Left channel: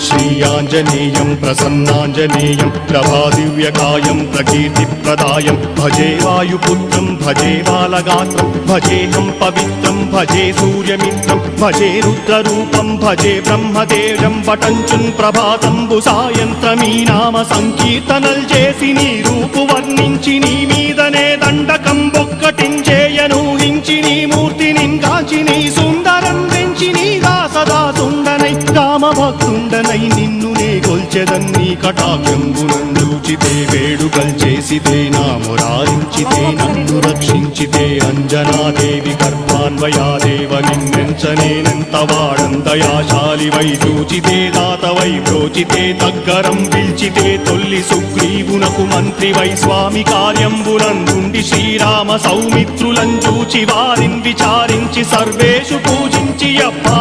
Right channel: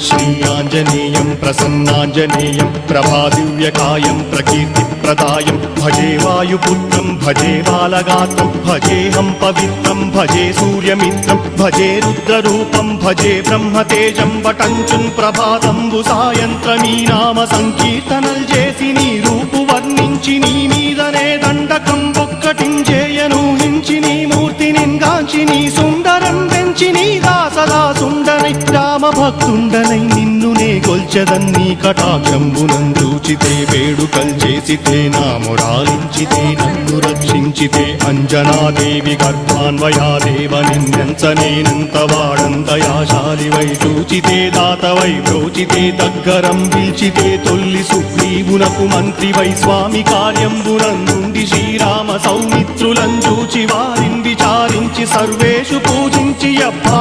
श्रीयाञ्जनेयं प्रसन्नाञ्जनेयं प्रभादिव्यकायं प्रकीर्तिप्रदायं भजे वायुपुत्रं भजे बालगात्रं भजेऽहं पवित्रं भजे सूर्यमित्रं भजे रुद्ररूपं भजे ब्रह्मदेवं पठञ्चुं ప్రభాతంబు సాయంత్రమీ నామ సంకీర్తనల్ చేసి నీ రూపు వర్ణించి నీ మీదనే దండకం ఒక్కటించేయను హించి నీ మూర్తిని కాంచి నీ సుందరం పెంచి నీదా సదా సుందరై రామభక్తుండనై నిన్ను నే కొల్చెదన్ నీ కటాక్షంబునందూచితే వేడుకల్ చేసితే నామురారించితే నన్ను రక్షించితే అంజనాదేవి గర్భాన్వయాదేవ నిన్నెంచనేనంత వాడందయాశాలివై చూచితే దాతవై ప్రోచితే దగ్గరం పిలిచితే తొల్లి సుగ్రీవునకు మంత్రివై స్వామి కార్యంబులందుండి శ్రీరామ సౌమిత్రులను చూచి వారిని విచారించి సర్వేషు పూజించి అప్పా